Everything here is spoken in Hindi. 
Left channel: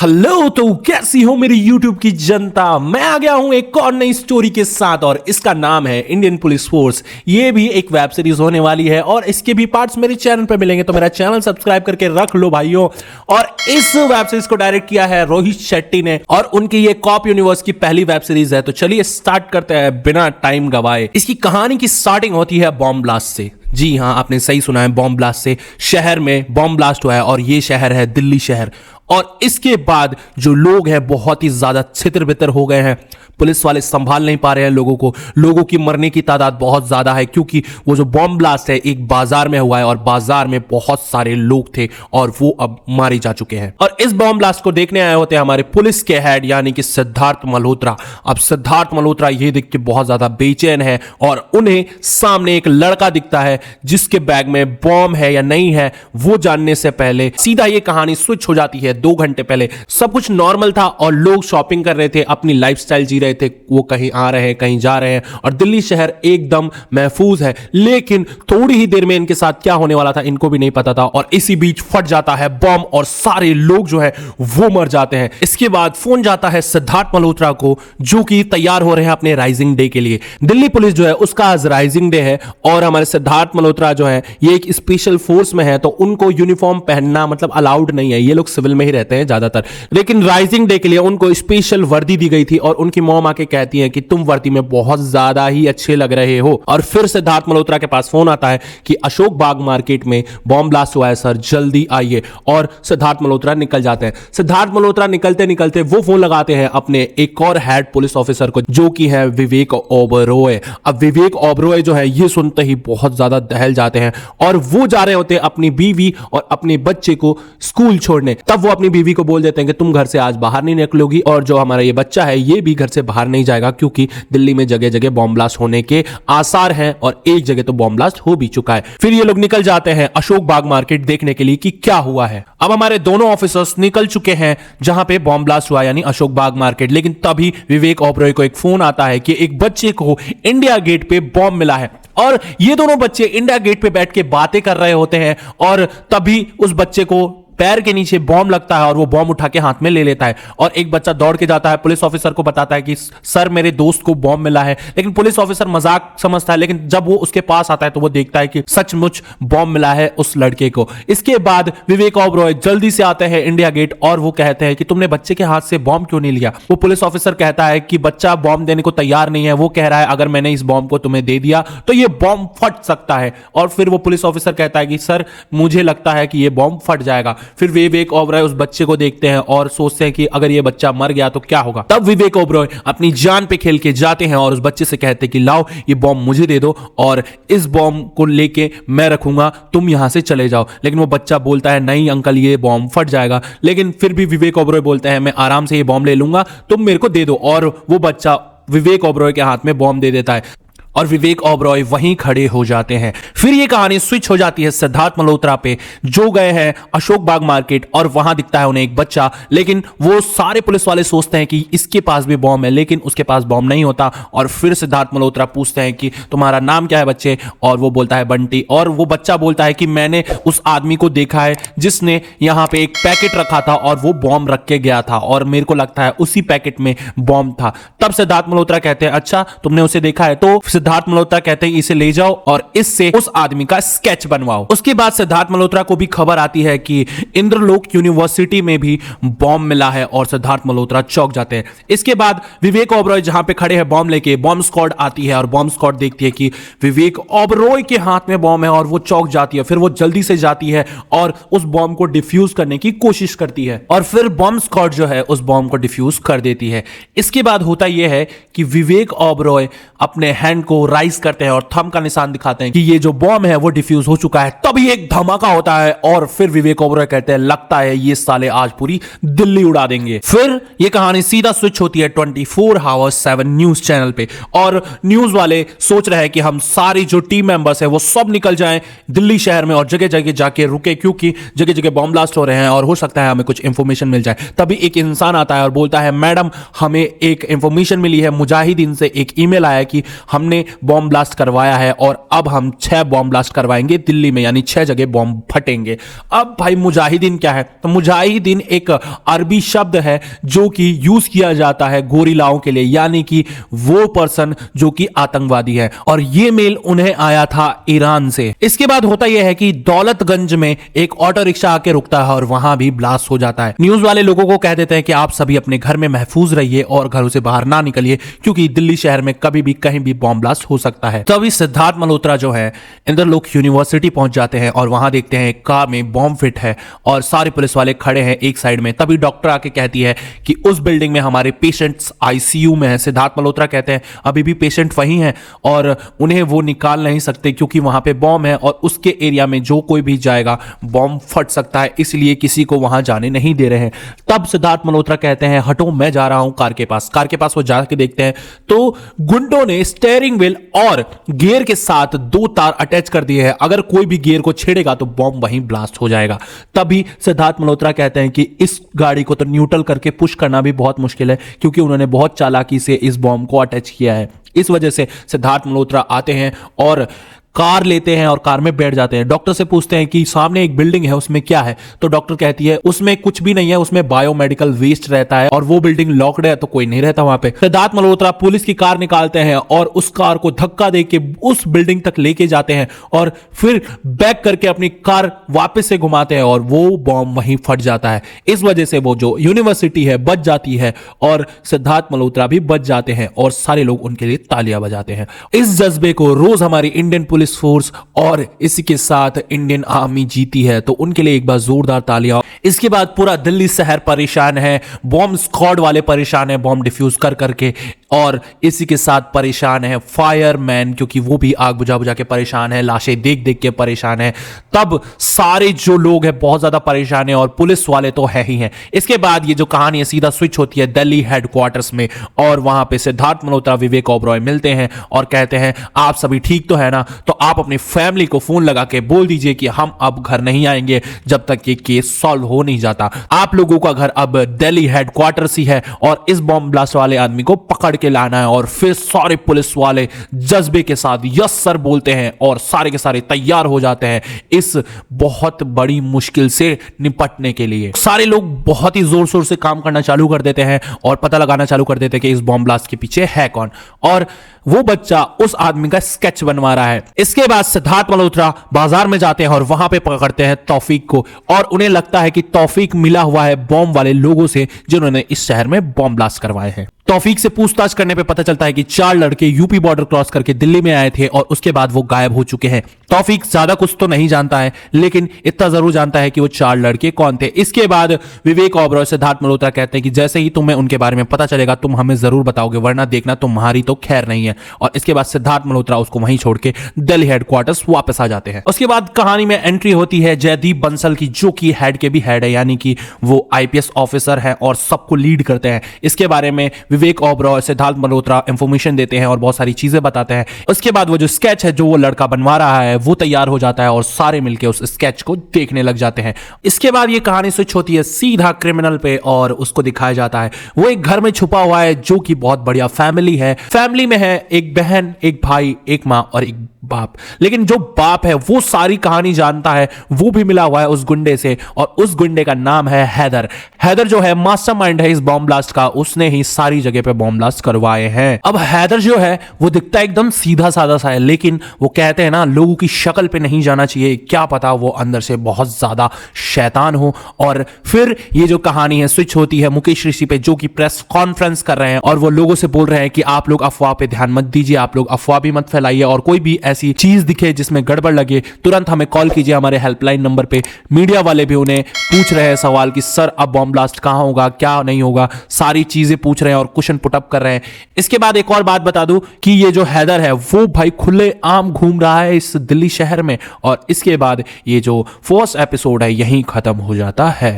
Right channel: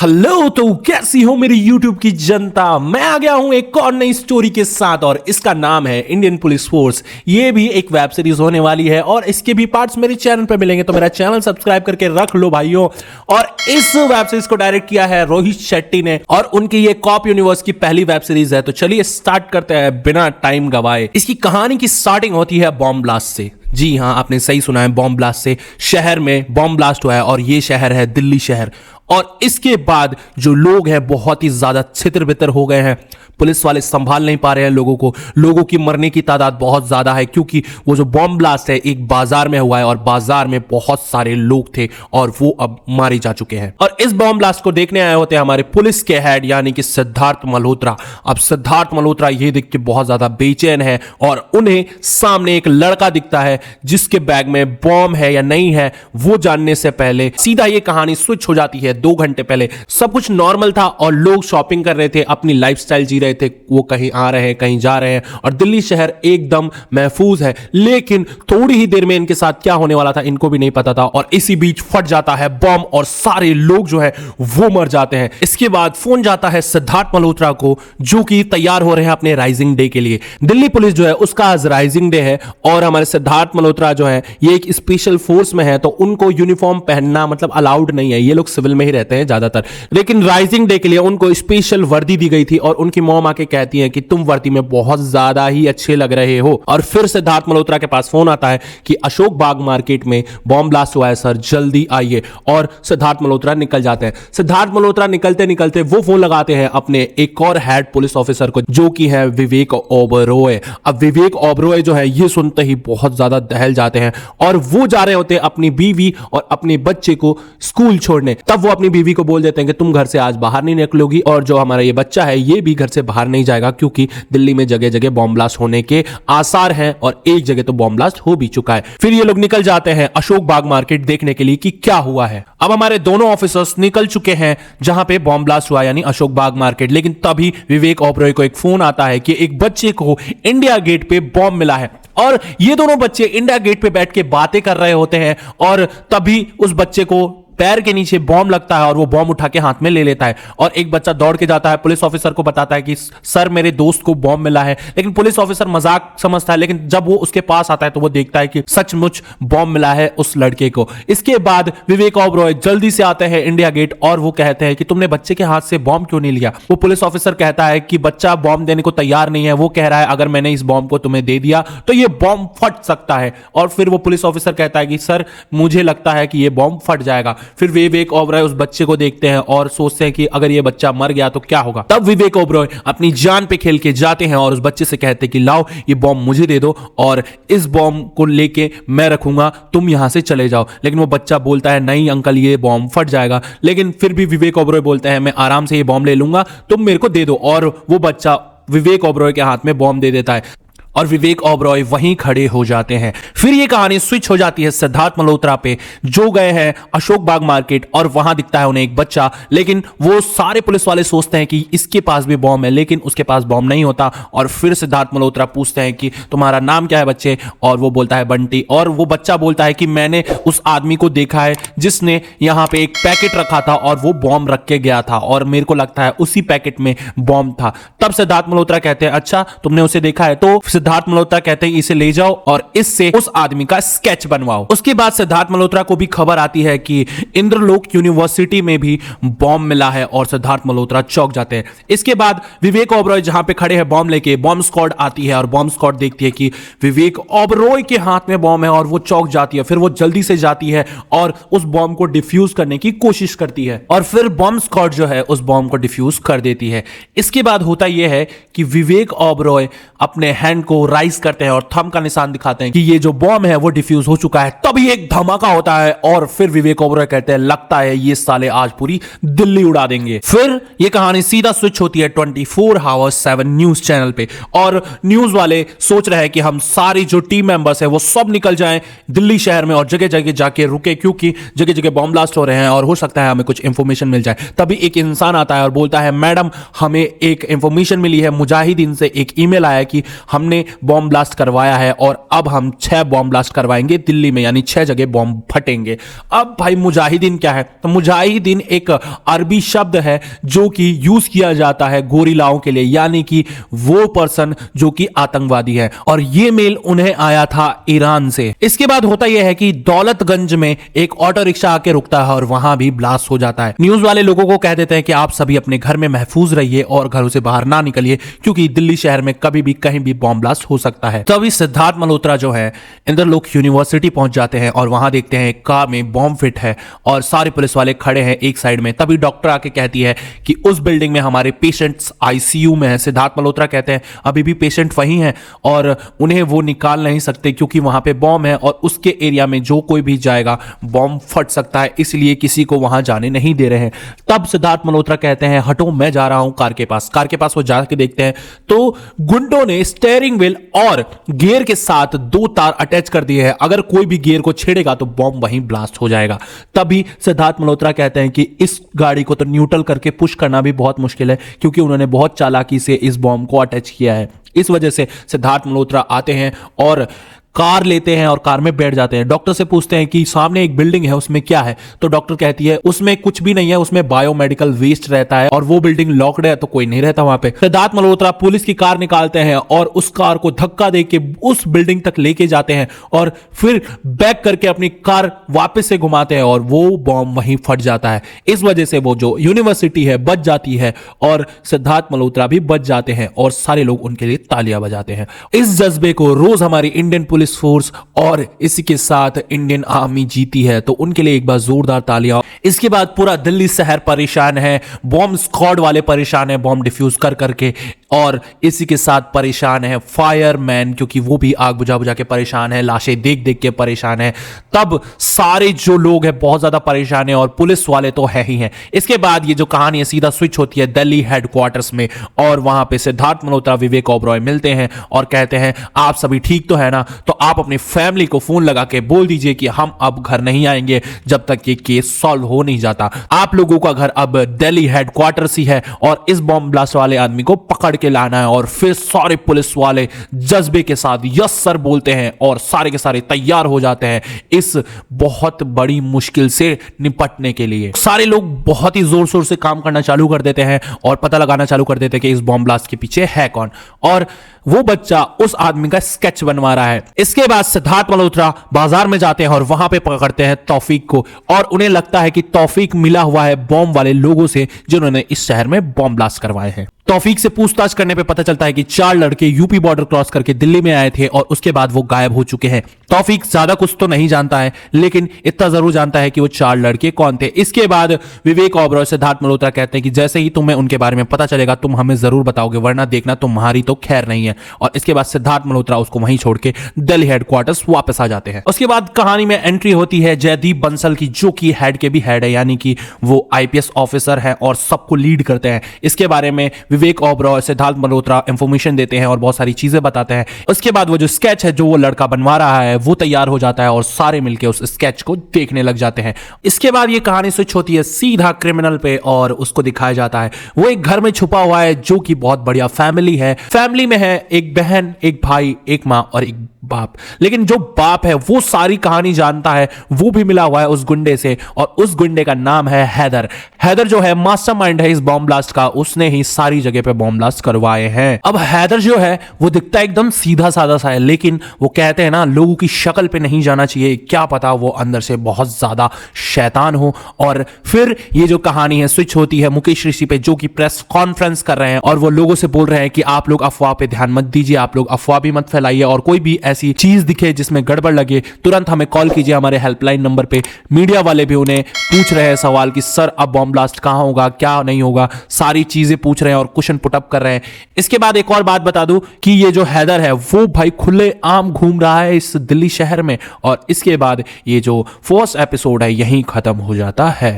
हेलो, तो कैसी हो मेरी YouTube की जनता। मैं आ गया हूं एक और नई स्टोरी के साथ और इसका नाम है इंडियन पुलिस फोर्स। ये भी एक वेब सीरीज होने वाली है और इसके भी पार्ट्स मेरे चैनल पे मिलेंगे, तो मेरा चैनल सब्सक्राइब करके रख लो भाइयों। और इस वेब सीरीज को डायरेक्ट किया है रोहित शेट्टी ने और उनकी ये कॉप यूनिवर्स की पहली वेब सीरीज है। तो चलिए स्टार्ट करते हैं बिना टाइम गवाए। इसकी कहानी की स्टार्टिंग होती है बॉम्ब ब्लास्ट से। जी हाँ, आपने सही सुना है, बॉम्ब ब्लास्ट से। शहर में बॉम्ब ब्लास्ट हुआ है और ये शहर है दिल्ली शहर। और इसके बाद जो लोग हैं बहुत ही ज्यादा छितर बितर हो गए हैं। पुलिस वाले संभाल नहीं पा रहे हैं लोगों की मरने की तादाद बहुत ज्यादा है, क्योंकि वो जो बॉम्ब ब्लास्ट है एक बाजार में हुआ है और बाजार में बहुत सारे लोग थे और वो अब मारे जा चुके हैं। और इस बॉम्ब ब्लास्ट को देखने आए होते हैं हमारे पुलिस के हेड यानी कि सिद्धार्थ मल्होत्रा। अब सिद्धार्थ मल्होत्रा ये देख के बहुत ज्यादा बेचैन है और उन्हें सामने एक लड़का दिखता है जिसके बैग में बॉम्ब है या नहीं है वो जानने से पहले सीधा ये कहानी स्विच हो जाती है 2 घंटे पहले। सब कुछ नॉर्मल था और लोग शॉपिंग कर रहे थे, अपनी लाइफस्टाइल जी रहे थे। वो कहीं आ रहे हैं, कहीं जा रहे हैं और दिल्ली शहर एकदम महफूज है। लेकिन थोड़ी ही देर में इनके साथ क्या होने वाला था इनको भी नहीं पता था और इसी बीच फट जाता है बॉम्ब और सारे लोग जो है वो मर जाते हैं। इसके बाद फोन जाता है सिद्धार्थ मल्होत्रा को, जो कि तैयार हो रहे हैं अपने राइजिंग डे के लिए। दिल्ली पुलिस जो है उसका आज राइजिंग डे है और हमारे सिद्धार्थ मल्होत्रा जो है ये एक स्पेशल फोर्स में है, तो उनको यूनिफॉर्म पहनना मतलब अलाउड नहीं है। ये लोग सिविल में ही रहते हैं ज्यादातर, लेकिन राइजिंग डे के लिए उनको स्पेशल वर्दी दी गई थी और उनकी मॉम आके कहती है कि तुम वर्दी में बहुत ज्यादा ही अच्छे लग रहे हो। और फिर सिद्धार्थ मल्होत्रा के पास फोन आता है कि अशोक बाग मार्केट में बॉम्ब ब्लास्ट हुआ है सर, जल्दी आइए। और सिद्धार्थ मल्होत्रा निकल जाते हैं। सिद्धार्थ मल्होत्रा निकलते निकलते वो फोन लगाते हैं अपने एक और हेड पुलिस ऑफिसर को, जो कि है विवेक ओबरॉय। अब विवेक ओबरॉय जो है ये सुनते ही बहुत ज्यादा दहल जाते हैं और वो जा रहे होते हैं अपनी बीवी और अपने बच्चे को स्कूल छोड़ने। तब वो अपनी बीवी को बोल देते हैं कि तुम घर से आज बाहर नहीं निकलोगी और जो हमारा ये बच्चा है ये भी घर से बाहर नहीं जाएगा, क्योंकि दिल्ली में जगह जगह बॉम्ब ब्लास्ट होने के आसार हैं और एक जगह तो बॉम्ब ब्लास्ट हो भी चुका है। फिर ये लोग निकल जाते हैं अशोक बाग मार्केट देखने के लिए कि क्या हुआ है। अब हमारे दोनों ऑफिसर्स निकल चुके हैं जहां पे बॉम्ब ब्लास्ट हुआ यानी अशोक बाग मार्केट। लेकिन तभी विवेक ओबरॉय को एक फोन आता है कि एक बच्चे को इंडिया गेट पे बॉम्ब मिला है और ये दोनों बच्चे इंडिया गेट पे बैठ के बातें कर रहे होते हैं और तभी उस बच्चे को पैर के नीचे बॉम्ब लगता है और वो बॉम्ब उठा के हाथ में ले लेता है और एक बच्चा दौड़ के जाता है पुलिस ऑफिसर को बताता है कि सर मेरे दोस्त को बॉम्ब मिला है। लेकिन पुलिस ऑफिसर मजाक समझता है, लेकिन जब वो उसके पास आता है तो वो देखता है कि सचमुच बॉम्ब मिला है उस लड़के को। इसके बाद विवेक ओबरॉय जल्दी से आते हैं इंडिया गेट और वो कहते हैं कि तुमने बच्चे के हाथ से बॉम्ब क्यों नहीं लिया। वो पुलिस ऑफिसर कहता है कि बच्चा बॉम्ब देने को तैयार नहीं है। वो कह रहा है अगर मैंने इस बॉम्ब को तुम्हें दे दिया तो ये बॉम्ब फट सकता है। और फिर वो पुलिस ऑफिसर कहता है कि सर मुझे लगता है कि ये बॉम्ब फट जाएगा। फिर विवेक ओबरॉय उस बच्चे को देखते हैं और सोचते हैं कि अगर ये बच्चा मर गया तो क्या होगा। तब विवेक ओबरॉय अपनी जान पे खेल के जाते हैं और उस बच्चे से कहते हैं कि लाओ ये बॉम्ब मुझे दे दो और इस बॉम्ब को लेके मैं रखूंगा, तुम यहां से चले जाओ। लेकिन वो बच्चा बोलता है नहीं अंकल ये बॉम्ब फट जाएगा। लेकिन फिर भी विवेक ओबरॉय बोलते हैं मैं आराम से ये बॉम्ब ले लूंगा, तुम मेरे को दे दो। और वो बच्चा विवेक ओबरॉय के हाथ में बॉम्ब दे देता है और विवेक ओबरॉय वहीं खड़े हो जाते हैं। फिर ये कहानी स्विच हो जाती है सिद्धार्थ मल्होत्रा पे, जो गए हैं अशोक बाग मार्केट और वहां दिखता है उन्हें एक बच्चा। लेकिन वो सारे पुलिस वाले सोचते हैं कि इसके पास भी बॉम्ब है, लेकिन उसके पास बॉम्ब नहीं होता। और फिर सिद्धार्थ मल्होत्रा पूछते हैं कि तुम्हारा नाम क्या है बच्चे, और वो बोलता है बंटी। और वो बच्चा बोलता है कि मैंने उस आदमी को देखा है जिसने यहाँ पे एक पैकेट रखा था और वो बॉम्ब रख के गया था और मेरे को लगता है उसी पैकेट में बॉम्ब था। तब सिद्धार्थ मल्होत्रा कहते हैं अच्छा तुमने उसे देखा है। तो सिद्धार्थ मल्होत्रा कहते हैं इसे ले जाओ और इससे उस आदमी का स्केच बनवाओ। उसके बाद सिद्धार्थ मल्होत्रा को भी खबर आती है कि इंद्रलोक यूनिवर्सिटी में भी बॉम्ब मिला है और सिद्धार्थ मल्होत्रा चौंक जाते हैं। इसके बाद विवेक ओबरॉय जहां पे खड़े हैं बॉम्ब लेके, बॉम्ब स्क्वाड आती है और बॉम्ब स्क्वाड देखती है कि विवेक ओबरॉय के हाथ में बॉम्ब है और वो चौंक जाती है। फिर वो जल्दी से जाती है और उस बॉम्ब को डिफ्यूज करने की कोशिश करती है और फिर बॉम्ब स्क्वाड जो है उस बॉम्ब को डिफ्यूज कर देती है। इसके बाद होता यह है कि विवेक ओबरॉय अपने हैंड को राइज करते हैं और थंब का निशान दिखाते हैं कि ये जो बॉम्ब है वो डिफ्यूज हो चुका है। तभी एक धमाका होता है और फिर विवेक ओबरॉय कहते हैं लगता है ये साले आज पूरी दिल्ली उड़ा देंगे। फिर ये कहानी सीधा स्विच होती है 24/7 न्यूज चैनल पे और न्यूज वाले सोच रहे हैं कि हम सारी जो टीम मेंबर्स है वो सब निकल जाएं दिल्ली शहर में और जगह जगह जाके रुके, क्योंकि जगह जगह बॉम्ब ब्लास्ट हो रहे हैं और हो सकता है हमें कुछ इंफॉर्मेशन मिल जाए। तभी एक इंसान आता है और बोलता है मैडम हमें एक इंफॉर्मेशन मिली है, मुजाहिदीन से एक ईमेल आया कि हमने हमने बॉम्ब ब्लास्ट करवाया है और अब हम 6 बॉम्ब ब्लास्ट करवाएंगे दिल्ली में, यानी 6 जगह बॉम्ब फटेंगे। अब भाई मुजाहिदीन क्या है? तो मुजाहिदीन एक अरबी शब्द है जो कि यूज किया जाता है गोरिल्लाओं के लिए, यानी कि वो पर्सन जो कि आतंकवादी है, और ये मेल उन्हें आया था ईरान से। इसके बाद होता यह है कि दौलतगंज में एक ऑटो रिक्शा आके रुकता है और वहां भी ब्लास्ट हो जाता है। न्यूज वाले लोगों को कह देते हैं कि आप सभी अपने घर में महफूज रहिए और घरों से बाहर ना निकलिए, क्योंकि दिल्ली शहर में कभी भी कहीं भी बॉम्ब ब्लास्ट हो सकता है। तभी सिद्धार्थ मल्होत्रा जो है इंद्रलोक यूनिवर्सिटी पहुंच जाते हैं और वहां देखते हैं एक कार में बॉम्ब फिट है और सारे पुलिस वाले खड़े हैं एक साइड में। तभी डॉक्टर आके कहती है कि उस बिल्डिंग में हमारे पेशेंट्स आईसीयू में है। सिद्धार्थ मल्होत्रा कहते हैं अभी भी पेशेंट वही है और उन्हें वो निकाल नहीं सकते क्योंकि वहां पे बॉम्ब है और उसके एरिया में जो कोई भी जाएगा बॉम्ब फट सकता है, इसलिए किसी को वहां जाने नहीं दे रहे हैं। तब सिद्धार्थ मल्होत्रा कहते हैं हटो, मैं जा रहा हूं कार के पास। कार के पास वो जाके देखते हैं तो गुंडों ने स्टीयरिंग व्हील और गियर के साथ 2 तार अटैच कर दिए हैं, अगर कोई भी गियर को छेड़ेगा तो बॉम्ब वहीं ब्लास्ट हो जाएगा। तभी सिद्धार्थ मल्होत्रा कहते हैं कि इस गाड़ी को तो न्यूट्रल करके पुश करना भी बहुत मुश्किल है, क्योंकि उन्होंने बहुत चालाकी से इस बॉम्ब को अटैच किया है। इस वजह से सिद्धार्थ मल्होत्रा आते हैं और कार लेते हैं और कार में बैठ जाते हैं। डॉक्टर से पूछते हैं कि सामने एक बिल्डिंग है उसमें क्या है, तो डॉक्टर कहती है उसमें कुछ भी नहीं है, उसमें बायोमेडिकल वेस्ट रहता है और वो बिल्डिंग लॉक्ड है तो कोई नहीं रहता वहां पे। सिद्धार्थ मल्होत्रा पुलिस की कार निकालते हैं और उस कार को धक्का देके उस बिल्डिंग तक लेके जाते हैं और फिर बैक करके अपनी कार वापस से घुमाते हैं और वो बॉम्ब वहीं फट जाता है। इस वजह से वो जो यूनिवर्सिटी है बच जाती है और सिद्धार्थ मल्होत्रा भी बच जाते हैं और सारे लोग उनके लिए तालियां बजाते हैं। इस जज्बे को रोज हमारी इंडियन पुलिस फोर्स और इसी के साथ इंडियन आर्मी जीती है, तो उनके लिए एक बार जोरदार तालियां। इसके बाद पूरा दिल्ली शहर परेशान है, बॉम्ब स्क्वाड वाले परेशान है बॉम्ब डिफ्यूज कर करके, और इसी के साथ परेशान है फायरमैन, क्योंकि वो भी आग बुझा बुझा के परेशान है, लाशें देख देख के परेशान है। तब सारे जो लोग हैं बहुत ज्यादा परेशान है और पुलिस वाले तो है ही हैं। इसके बाद ये जो कहानी है सीधा स्विच होती है दिल्ली हेडक्वार्टर्स में और वहां पे सिद्धार्थ मल्होत्रा विवेक ओबरॉय मिलते हैं और कहते हैं आप सभी ठीक तो है ना, तो आप अपनी फैमिली को फोन लगा के बोल दीजिए कि हम अब घर नहीं आएंगे जब तक ये केस सॉल्व हो नहीं जाता। आप लोगों का घर अब दिल्ली हेडक्वार्टर्स ही है और इस बॉम्ब ब्लास्ट वाले आदमी को पकड़ के लाना है। और फिर सारे पुलिस वाले जज्बे के साथ यस सर बोलते हैं और सारे के सारे तैयार हो जाते हैं इस बहुत बड़ी मुश्किल से निपटने के लिए। सारे लोग बहुत ही जोर शोर से काम करना चालू कर देते हैं और पता लगाना चालू कर देते हैं कि इस बॉम्ब ब्लास्ट के पीछे है कौन, और वो बच्चा उस आदमी का स्केच बनवा रहा है। इसके बाद सिद्धार्थ मल्होत्रा बाजार में जाते हैं और वहां पे पकड़ते हैं तौफीक को, और उन्हें लगता है कि तौफीक मिला हुआ है बॉम्ब वाले लोगों से जिन्होंने इस शहर में बॉम्ब ब्लास्ट करवाए हैं। तौफीक से पूछताछ करने पे पता चलता है कि 4 लड़के यूपी बॉर्डर क्रॉस करके दिल्ली में आए थे और उसके बाद वो गायब हो चुके हैं। तौफीक ज्यादा कुछ तो नहीं जानता है, लेकिन इतना जरूर जानता है कि वो 4 लड़के कौन थे। इसके बाद विवेक ओबरॉय सिद्धार्थ मल्होत्रा कहते हैं कि जैसे ही तुम्हें उनके बारे में पता चलेगा तुम हमें जरूर बताओगे, वरना देखना तुम्हारी तो खैर नहीं है। और इसके बाद सिद्धार्थ मल्होत्रा उसको वहीं छोड़ के दिल्ली हेडक्वार्टर्स वापस आ जाते हैं। उसके बाद कहानी में एंट्री होती है जयदीप बंसल की, जो कि हेड के भी हेड है, यानी कि वो आईपीएस ऑफिसर है और सबको लीड करते हैं। इसके बारे में विवेक ओबरॉय सिद्धार्थ मल्होत्रा इंफॉर्मेशन देते हैं और बहुत सारी चीजें बताते हैं। उसके बाद वो जो स्केच है जो वो लड़का बनवा रहा है वो तैयार हो जाता है और सारे मिलकर उस स्केच को देखने लग जाते हैं। इसके बाद ये कहानी स्विच होती है सीधा क्रिमिनल पे और उसको दिखाया जाता है वो एक घर में छुपा हुआ है जो कि बहुत बढ़िया फैमिली है। फैमिली में है एक बहन, एक भाई, एक माँ और एक बाप। लेकिन जो बाप है वो सारी कहानी जानता है, वो भी मिला हुआ है उस गुंडे से और उस गुंडे का नाम है हैदर। हैदर जो है मास्टरमाइंड है इस बॉम्ब ब्लास्ट का, उसने ही सारी जगह पे बॉम्ब ब्लास्ट करवाए हैं। अब हैदर जो है वो दिखता एकदम सीधा साधा सा है, लेकिन वो कहते हैं ना लोगों की शक्ल पे नहीं जाना चाहिए, क्या पता वो अंदर से बहुत ज्यादा शैतान हो। और फिर ये जो कहानी है स्विच होती है मुकेश ऋषि पे, जो कि प्रेस कॉन्फ्रेंस कर रहे हैं और वो लोगों से बोल रहे हैं कि आप लोग अफवाह पे ध्यान मत दीजिए, आप लोग अफवाह भी मत फैलाइए और कोई भी ऐसी चीज दिखे जिसमें गड़बड़ लगे तुरंत हमें कॉल कीजिए हमारे हेल्पलाइन नंबर पे। मीडिया वाले भी उन्हें पूछ रहे हैं सवाल कि सर अब बॉम्ब ब्लास्ट कहां होगा, क्या नहीं होगा, सारी चीजें पूछ रहे हैं और क्वेश्चन पुटअप कर रहे हैं। इसके बाद एक और बात बता दूं कि ये जो हैदर है वो भाई खुले आम घूम रहा है इस दिल्ली शहर में। और इसके बाद ये जो फर्स्ट एपिसोड है यहीं खत्म हो जाता है।